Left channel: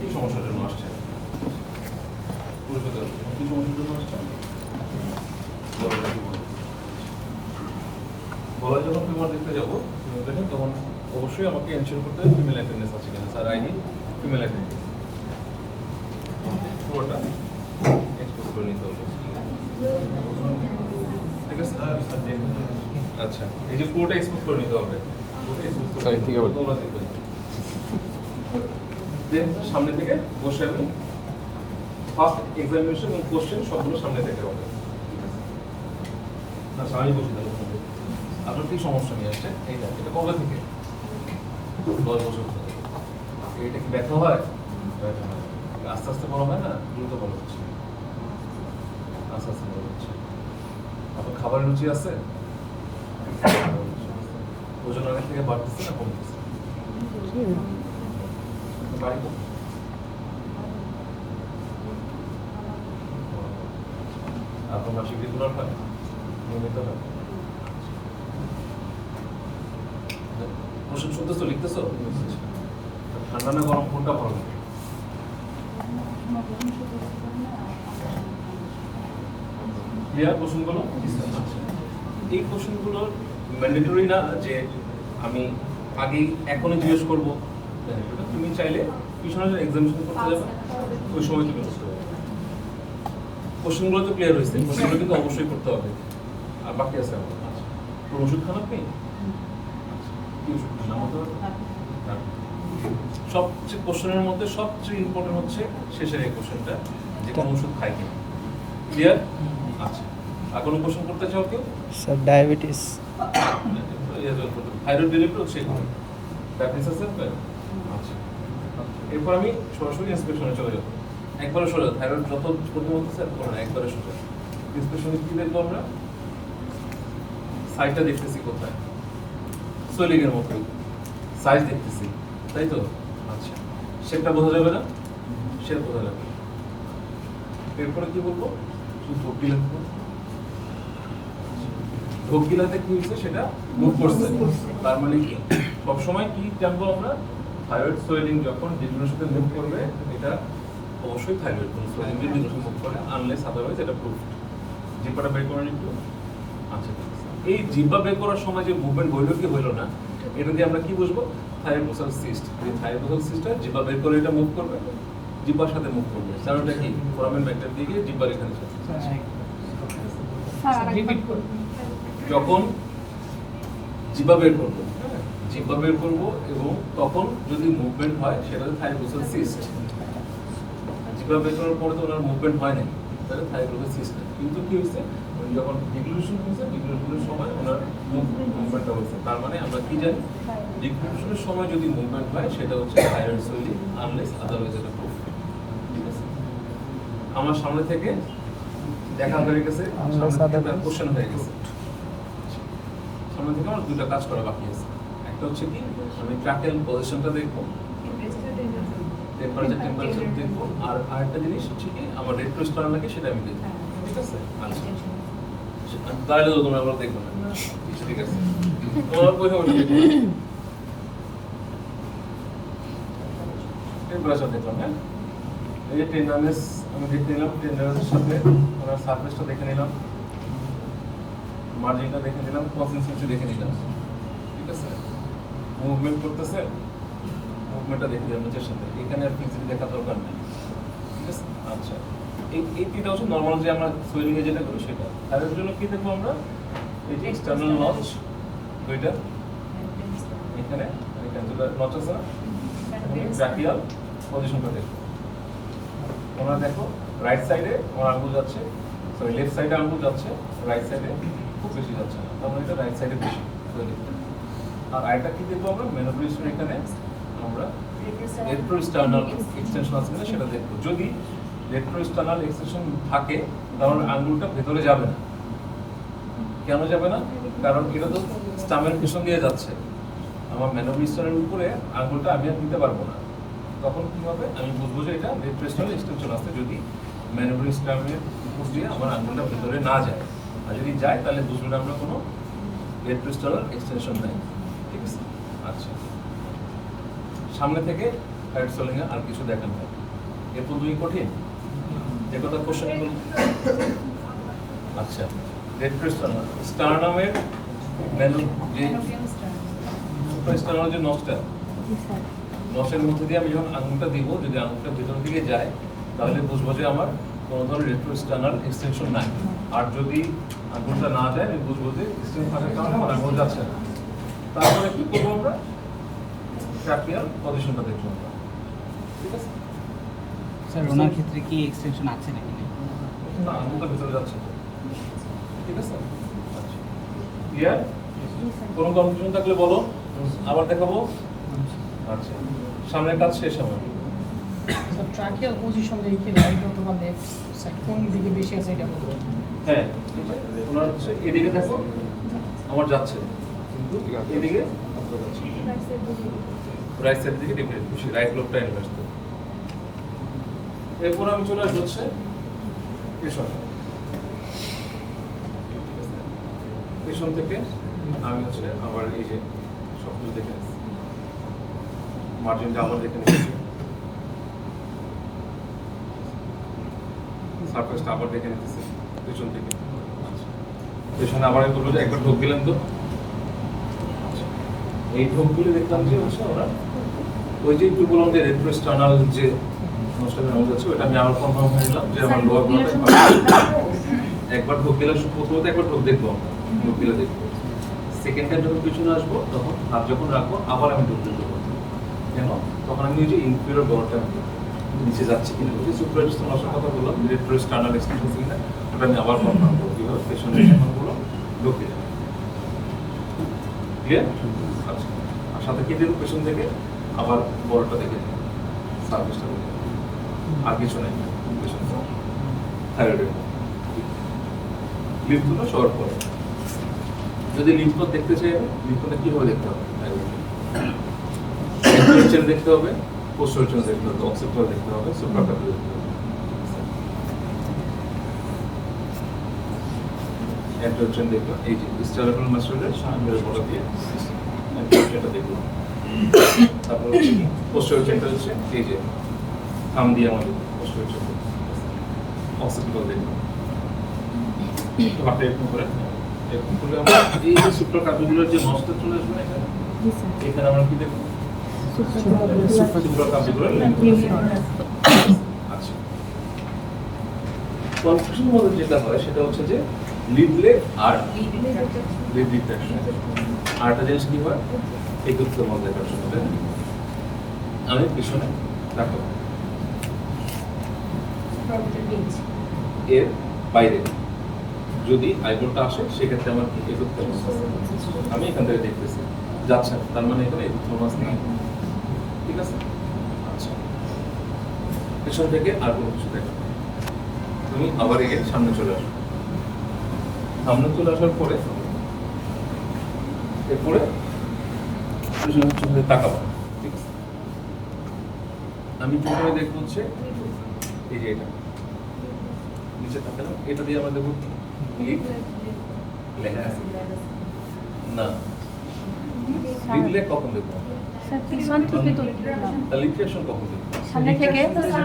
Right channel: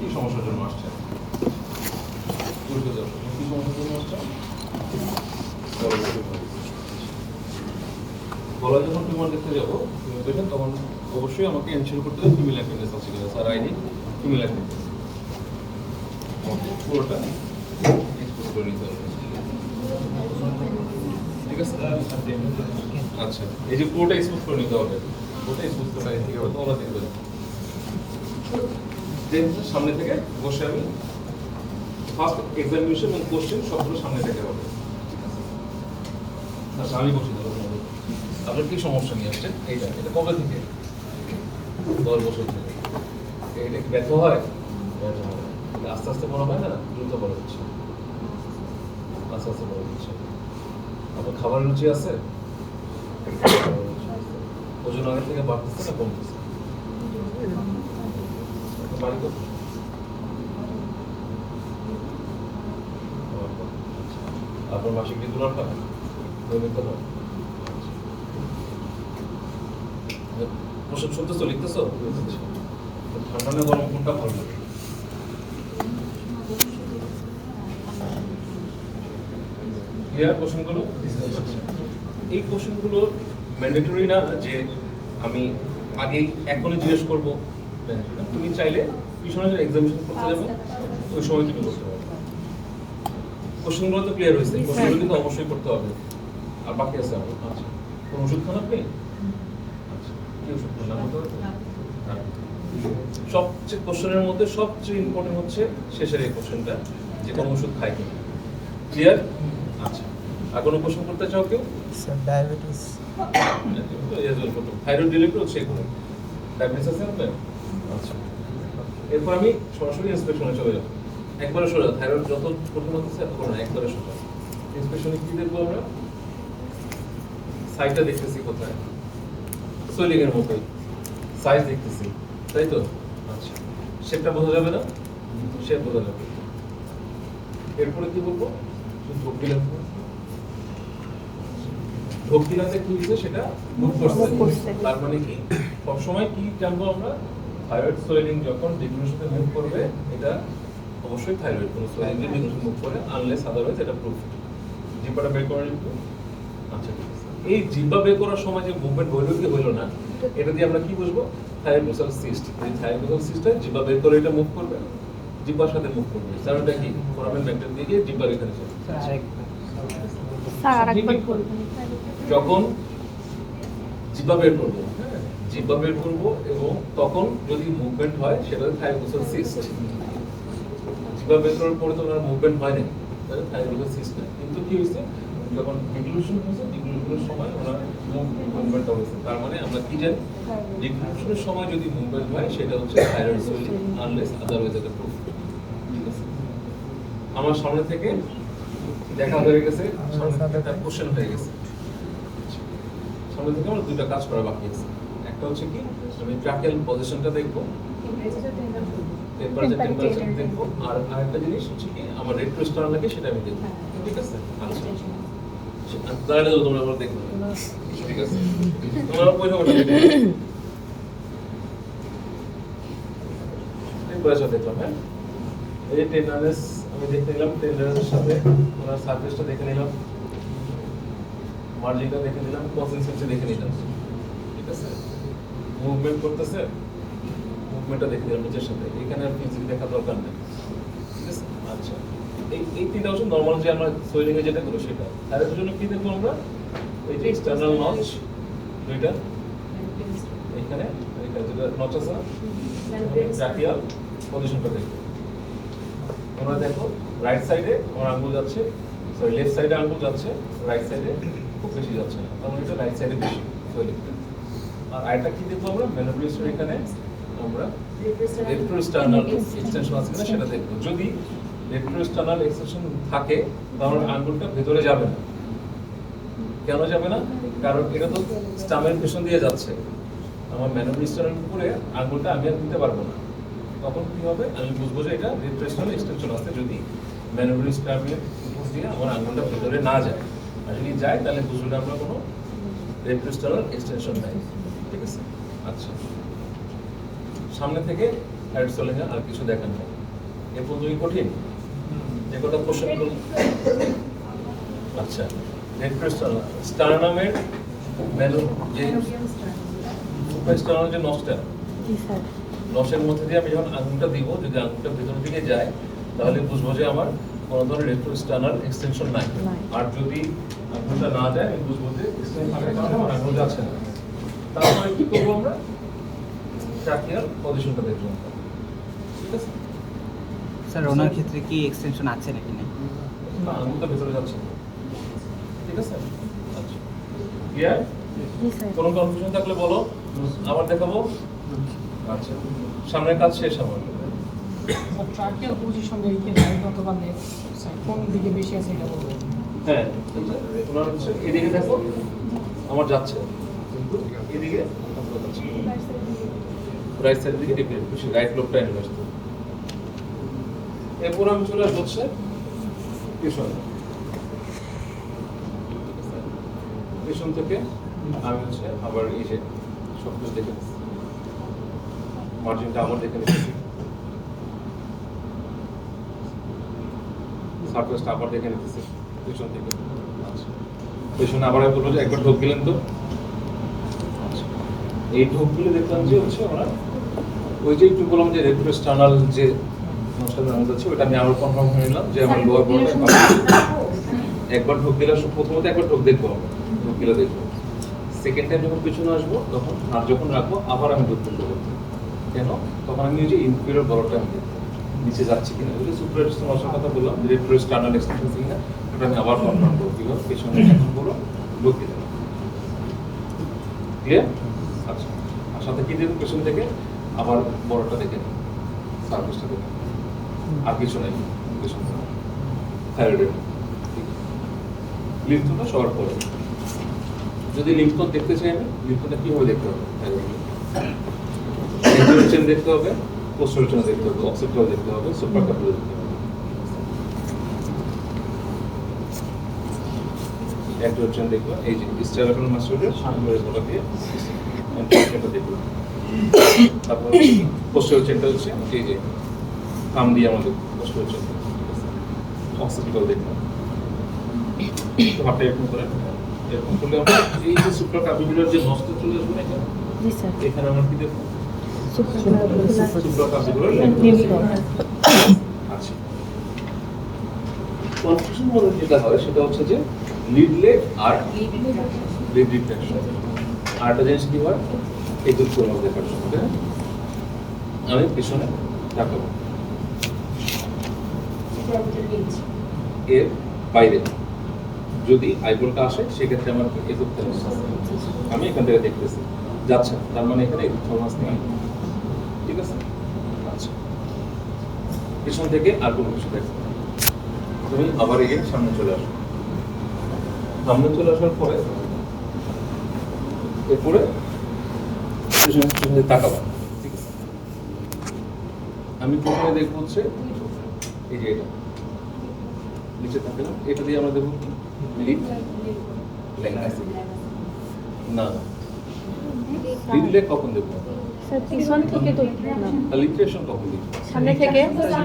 কি সমস্যার জন্য আসছে? পরিচয় দাও। কি সমস্যার জন্য আসছে? গলায় যখন টিউমার দেখতে যাবো দেখেন তখন অবশ্যই আমাকে এনশিওর করতে হবে ফিমেল অ্যাটেন্ডেন্স আছে কিনা। স্যার আইডি ফিমেল অ্যাটেন্ডেন্স পুরোটা এক্সপোজ করে নিতে হবে। ঠিক আছে? আচ্ছা, এই যে পুরোটা এক্সপোজ করে নিতে হবে। পুরোটা এক্সপোজ করে ঠিক আছে তোমরা দেখবেন। দেন সামনে থেকে বসে আমি ফার্স্ট এক্সামিনেশন এবং কোশ্চেন সবগুলো সামনে থেকে হবে। ঠিক আছে? আচ্ছা, আমি বসে যাবো তোমাদের। আপনার কি সমস্যা নিয়ে আসছে? এটা কবে থেকে? 10 বছর ধরে। এটা কি ব্যথা হয়? ব্যথা হয়। আস্তে আস্তে বড় হয় না, দ্রুত বড় হচ্ছে। আস্তে আস্তে বড় হচ্ছে। আপনার খাবারের রুচি আছে? ওজন আগের থেকে বাড়তেছে না কমতেছে? বাড়ি কত? আপনার মাসিক রেগুলার হয়? নিয়মিত না? প্রশ্ন শুনতেছো, লিখতেছো? ঠান্ডা না গরম কোনটা ভালো লাগে? ক্লিয়ার কোশ্চেনগুলো? এই কোশ্চেনগুলো ম্যান্ডেটরি না যে আমি আগেই এখনই জিজ্ঞেস করবো। তুমি চাইলে পিছনে যে এক্সামিনেশন করতে যাবে ওই সময় তুমি করতে হবে। কোশ্চেনগুলো তো ক্লিয়ার হয়েছে, কোশ্চেনগুলো কিন্তু অবশ্যই করতে হবে। আর বাকি আছে আমার। আচ্ছা, কোনো ওষুধ খান আপনি? আচ্ছা, কি ওষুধ খান? নাম বলতে পারবেন? সবচেয়ে কোশ্চেনের মধ্যে সবচেয়ে ইম্পর্টেন্ট হচ্ছে শেষের এই কোশ্চেনটা, যে কোনো ওষুধ খায় কিনা। ক্লিয়ার? আচ্ছা, আর কোনো কোশ্চেন করতে চাও কেউ? Sir diabetes. থাইরয়েড ডিলিটও সেই কোনো ডায়াবেটিস আছে আপনার? আচ্ছা, এরপর আমি সরাসরি ইন্সপেকশনে চলে যাবো। একবারে সোজা, থাইরয়েড যত কঠিন হতে স্যার করে না, একবারে সোজা। ইন্সপেকশনে কি দেখবো আমরা? সাইজটা দেখতেছি কোথায়, সোয়েলিং এর মতোই সাইজ দেখতেছি, তাই তো? আচ্ছা, শেপটা বোঝা যাবে না? শেপ বোঝা যাবে। এরপরে কি বলবো? শুধু ঢোক গিলা, ঢোক গিলাতে কি হয়েছে সেটা মুভ করছে। তার মানে কি সবসময় কি জানবো আমরা? থাইরয়েড সোয়েলিং যখন ডিগ্রির সাথে মুভ করবে, এটা অবশ্যই থাইরয়েড। কোনো সোয়েলিং যদি ডিগ্রির সাথে মুভ করে, আনলেস আদারওয়াইজ এটা প্রুফড। জিব্বাটা বের করে নিব। আচ্ছা, ঠিক আছে। এই জিব্বা বের করার সময় যে মুভমেন্ট হইলো কি হইলো না, এটা দিয়ে আমরা কি বুঝবো? থাইরোমাসাল সিস্ট। এই থাইরোমাসাল সিস্টটা জিব্বা বের করে এটা মুভ করবে, জিব্বার সাথে মুভ করবে। স্যার ওটা কি ফোরামেন ব্যাকটেরিয়া দিয়ে গিয়ে জিব্বার এখানে চলে। স্যার আরেকবার বলবেন। যখন জিব্বা বের করবো, হ্যাঁ, জিব্বা বের করবো এবং তখন যদি মুভমেন্ট হয় সেটা থাইরোমাসাল সিস্ট। জিব্বা বের করার পরে তো ওনার মুভমেন্ট হয় নাই, তাহলে থাইরোমাসাল সিস্ট না। কিন্তু কি হয়েছে? যখন ডিগ্লুশন হয়েছে, ডিগ্লুশনের সময় ওনার মুভমেন্টটা হয়েছে। তার মানে আমরা কি জানি? ডিগ্লুশনের সময় যদি মুভমেন্ট হয় সেটা হচ্ছে থাইরয়েড সোয়েলিং, আনলেস আদারওয়াইজ এটা প্রুফ। ঠিক আছে? আমার সামনে থেকে দেখা হয়ে গেছে, সামনে থেকে তার কোশ্চেন হয়ে গেছে। সামনে থেকে আমার দুটো কাজ করা বাকি আছে। একটা হচ্ছে কি, আমি ট্রাকেল পজিশনটা দেখবো, টেম্পারেচার দেখবো, আর আরেকটা জিনিস হচ্ছে কি আমার রেট্রোস্টার্নাল লাগে সেটা আমি দেখবো। ঠিক আছে? আচ্ছা, তাহলে তো তোমরা আবার দেখবে না। ঠিক আছে, তোমরা পয়সা দেখবে। টেম্পারেচার দেখলাম, হ্যাঁ, এই টেন্ডারনেস আমি দেখে নিলাম, টেন্ডারনেসের সাথে ওনার সারফেসটা দেখে নিলাম, মার্জিনটা দেখে নিলাম, কনসিস্টেন্সি দেখে নিলাম। ঠিক আছে, মুভমেন্ট করতেছে, মুভমেন্টটা দেখে নিলাম নিচের সাথে। এখানে আর ফিজিক্যালি দেখা দরকার নেই। ঠিক আছে? আচ্ছা, এই তিনটা হচ্ছে নর্মাল যে আমরা সোয়েলিং এ যেটা করি সেটা। আর এর জন্য কি দেখবো আমরা? এই যে এক্সটার্নাল নচ দুইটা, এখানে এখানে যেটা নচ আছে না, ট্রাকিয়াল পজিশনটা দেখবো। তোমরা দেখো রাইট সাইডে আমার আঙ্গুল যাচ্ছে, সরি লেফট সাইডে আঙ্গুল যাচ্ছে, রাইট সাইডে খুব বেশি যাচ্ছে না। আমরা এটা রাইট সাইডে বেশি সোয়েলিং। আর আরেকটা কি দেখবো আমরা? ম্যানোব্রেশন, এখানে আমরা রেট্রোস্টার্নাল এক্সটেনশন আছে কিনা সেটা দেখবো। যদি রেট্রোস্টার্নাল এক্সটেনশন থাকে তাহলে আঙ্গুলটা ভেতরে যাবে না। কেন যাবে না? কারণ এটা তো স্টামের পিছন দিয়ে যাচ্ছে। আমার ম্যানোব্রেশনের উপরে আঙ্গুলটা আমি আর নিতে পারবো না। তখন কি হবে? আমি বুঝবো যে এটা রেট্রোস্টার্নাল এক্সটেনশন আছে যদি ম্যানোব্রেশনের উপর দিয়ে আমার আঙ্গুলটা ভেতরে না যায়। আর যদি যায় তাহলে বুঝবো না আমরা কোনো রেট্রোস্টার্নাল এক্সটেনশন নাই। ঠিক আছে? আচ্ছা, সামনে থেকে হাইড সোলিংয়ে আর কিছু দেখার নেই। এরপর তুমি কঠিন যে কথা কোশ্চেন করুন। আচ্ছা, স্টারনামের যে সুপ্রাস্টারনামের যে নসটা, জি স্যার। নসের মধ্যে দিয়ে আমি যখন আঙুলটা দিব, যদি আঙুলটা ভিতরের দিকে যায় তাহলে বুঝবো যে আমার কোনো ধরনের রেট্রোস্টার্নাল এক্সটেনশন নাই। নাই। আর যদি আঙুলটা না যায় আমি বুঝবো যে এক্সটেনশন থাকার কারণে আমার আঙুল যাচ্ছে না। তারপরে কি করবো আমরা? ট্রাকিয়াল পজিশনটা দেখবো আমরা। ঠিক আছে? স্যার ওনার ক্ষেত্রে কি এক্সটেনশন আছে নাকি নেই? না, আঙুলটা ভিতরে যাচ্ছে তো। ঠিক আছে? আচ্ছা। ক্লিয়ার? জি স্যার। কোনো কনফিউশন থাকলে বলো, আবার দেখাবো। আচ্ছা, সামনের কাজ শেষ আমার। সব ট্রাকিয়াল পজিশন দেখে রাইট অথবা লেফট সাইড কোন দিকে বেশি আছে এটা বলবো। হ্যাঁ, ওনার হচ্ছে এদিকে দেখো, আমার যাচ্ছে কিন্তু এদিকে আপনার যাচ্ছে। রাইট সাইড দিকে ডিপেন্ড বেশি, রাইট লোকটা ইনভেস্ট। এরপর আমি চলে আসবো হচ্ছে পেছন। ঠিক আছে? পেছন থেকে আমি হচ্ছে আবার এই যে সব কিছু দেখে নিচ্ছি, মার্জিনটা আবার দেখে নিচ্ছি, সারফেসটা আবার দেখে নিতেছি পেছন থেকে। আচ্ছা, পেছনে আবার আমি বলবো যে একবার ঢোক দিলেন তো। আচ্ছা, এই ঢোক দিলে দেখলাম যে হচ্ছে ওরা ওই যে একটু বললাম যে রেট্রোস্টার্নাল যে নষ্টের নাম যাচ্ছে ওটা আমি আরো কনফার্ম হয়ে নিলাম যে আমার লোয়ার ব্লকে একবার ঢোক দিলে প্রথমত একবার ঢোক দেখবো, ঢোক দিলে দেখবো। সেকেন্ড টাইম যখন পিছনে আসবো তখন হাত যখন রাখবো আবার আমি ঢোক দিতে বলবো। কেন? তখন আমি ওই যে ইনফিরিয়র বড়টা নিচে যাচ্ছে কিনা, ওই যে সুপ্রাস্টার নষ্টের কথা বললাম, রেট্রোস্টার্নাল এক্সটেনশন কিনা ওটা আমি আবার কনফার্ম করবো কিভাবে পেছনে এখনগুলো ঢোকে যাবে। ক্লিয়ার? আচ্ছা, আর সাথে কি দেখবো পেছন থেকে আবার বড়টা দেখে সার্ভিসটা দেখে, আর কিছু নেই পেছন থেকে থাইরয়েডের লিম্ফোনোড সবার পরে। যদি লিম্ফোনোড দেখতে চাই, লিম্ফোনোড কিভাবে দেখতে হবে? চেন দেখতে হবে, পোস্টাল চেন দেখতে হবে, অক্সিপিটাল দেখতে হবে, সুপ্রাক্যাপিটাল দেখতে হবে। অ্যান্টেরিয়র চেন দেখবা, এই যে স্টেরাটাল মাসলের সামনের বড় দিয়ে এটা দেখলাম। তারপর পোস্টাল চেনটা হচ্ছে এই যে কাম দিয়ে আমাদের পোস্টাল চেন, অক্সিপিটাল দেখলাম। হাতে এরকম করে এরকম করলে আমরা এই যে সুপ্রাক্যাপিটালের যে নসটা চলে আসবে না এখানে, জি স্যার। এখানে আমরা কি দেখবো? সুপ্রাক্লাভিকুলার সুপ্রাক্যাপিটালের লিম্ফ নোড। আচ্ছা, কনফিউশন মধ্যে যেটা হয় সেটা হচ্ছে যে লিড লেগ আর লিড রিট্রাকশন। আরেকটা জিনিস কি হয়, এই দুটোর মধ্যে দেখার সময় আমি পিছনে রাখবো এর বাইরে যদি আইবলটা আসে সেক্ষেত্রে আমার এই করতে হবে, আমি এখান থেকে দেখতেছি যাচ্ছে না, তার মানে এখানে থর্মাস নেই। ঠিক আছে? আচ্ছা, পিছন থেকে আর কোনো কিছু দেখো, তুমি আবার এগেন সামনে চলে আসো। সামনে চলে আসার পরে এরপরে পিছনে তাকাবো। ঠিক আছে? আমি প্রথমে দেখবো হচ্ছে এই যে এটা নিচে তাকালাম, এটা দিয়ে আমরা দেখবো লিড লেগ না, লিড লেগ কখন দেখবো? স্যার পিছন থেকে তো দেখলাম, তাহলে লিট্রেশন কখন দেখবো? সামনে থেকে। আচ্ছা,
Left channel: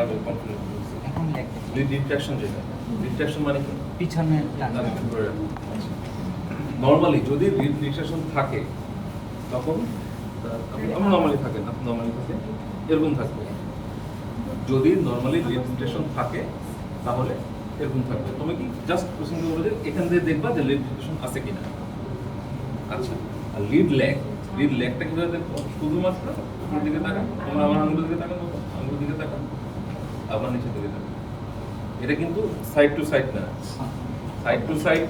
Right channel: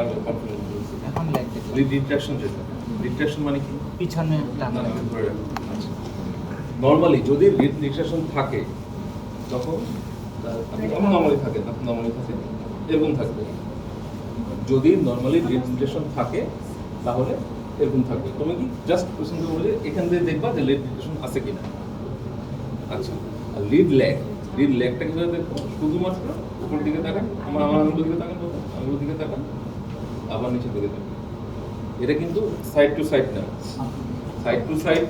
আমি confident বলছি। এখন লেগ দেখলাম। লিড রিট্রাকশন যেটা, রিট্রাকশন মানে কি? পিছনে টানতে হবে। নরমালি যদি লিড রিট্রাকশন থাকে তখন আমি নরমালি থাকে না, নরমালি থাকে এরকম থাকবে। যদি নরমালি লিড রিট্রাকশন থাকে তাহলে এরকম থাকবে। তুমি কি জাস্ট কোশ্চেন করবে যে এখান দিয়ে দেখবা যে লিড রিট্রাকশন আছে কিনা। আচ্ছা, আর লিড লেগটা কিভাবে দেখবো? শুধুমাত্র উপরের দিকে তাকান, আমার আঙুলের দিকে তাকান, আঙুলের দিকে তাকান, আবার নিচের দিকে তাকান। এটা কিন্তু সাইড টু সাইড না, সাইড টু সাইড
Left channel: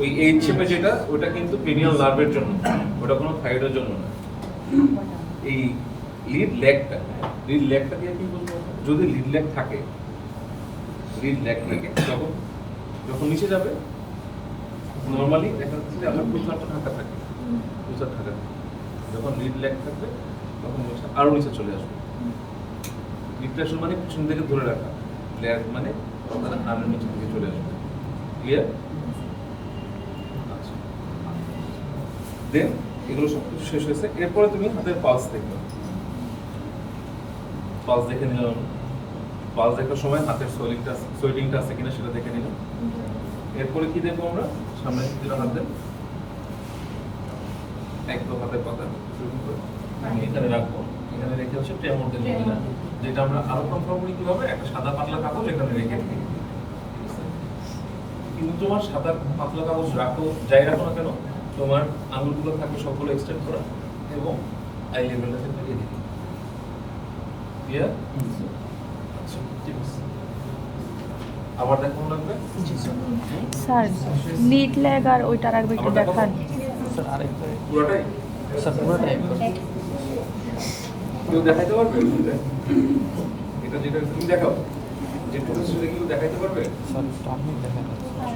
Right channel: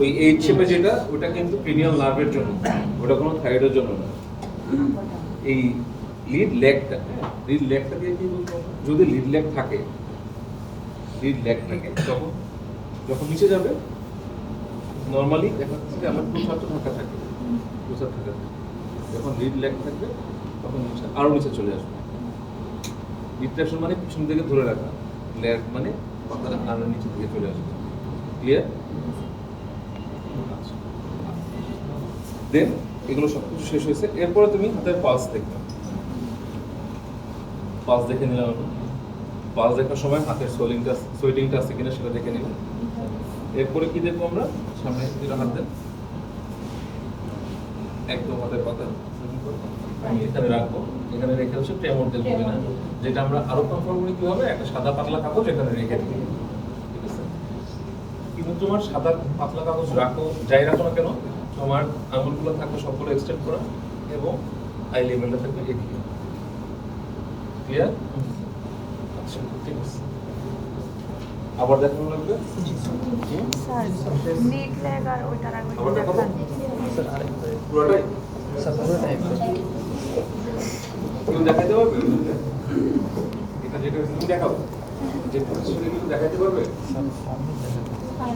ওই এইচ শেপে যেটা ওটা কিন্তু পেনিয়াল নার্ভের জন্য, ওটা কোনো থাইরয়েডের জন্য না। এই লিড লেগটাকে কি বলবো? যদি লিড লেগ থাকে তখন যখন নিচে যাবে নরমালি দেখা যাচ্ছে যে আমার প্রসার ঢাকা থাকে, যখন লিড লেগ থাকবে তখন আরো নিচে চলে আসবে। রিট্রাকশন মানে পিছন থেকে ধরে রাখা, লেগ মানে কথাটা আরো নিচে থেকে চলে আসবে। ক্লিয়ার? দেন এগুলো সব কিছু শেষ হয়েছে, এরপরে তুমি হাতের পালস দেখবে। পালস দেখে নিলাম আমি। পালস দেখার সময় হাতের সোয়েটিংটা আছে কিনা সেটা দেখে নিলাম। এরপরে কি দেখবো আমরা? সামনে দুটো হাত দেন, একদম হাতে পাতা আমি এখানে রাখবো। এখানে রেখে হচ্ছে ট্রেমর দেন কিনা, যেটা আমরা আরো কনফার্ম করি কিভাবে, একটা সাদা পাতলা কাগজ এখানে রেখে দিই, ঠিক আছে? কিন্তু তোমার সাদা পাতলা কাগজ রাখো, যাই রাখো না কেন, তোমার আঙুলগুলো থাকবে সবগুলো এক্সটেন্ড করা এবং আই লেভেলটা থাকবে এদিকে। ক্লিয়ার? আচ্ছা, ঠিক আছে। আবার দেখানো লাগবে? স্যার নিট ল্যাগ আর ওইটার আগে একটু আবার দেখাবো? দেখান। পুরোটাই? স্যার পুরোটাই কেউ দেখাইতে পারবে? এটা যেটা তুমি দেখাও, যে পরিস্থিতি কেউ দেখাইতে পারবে? আর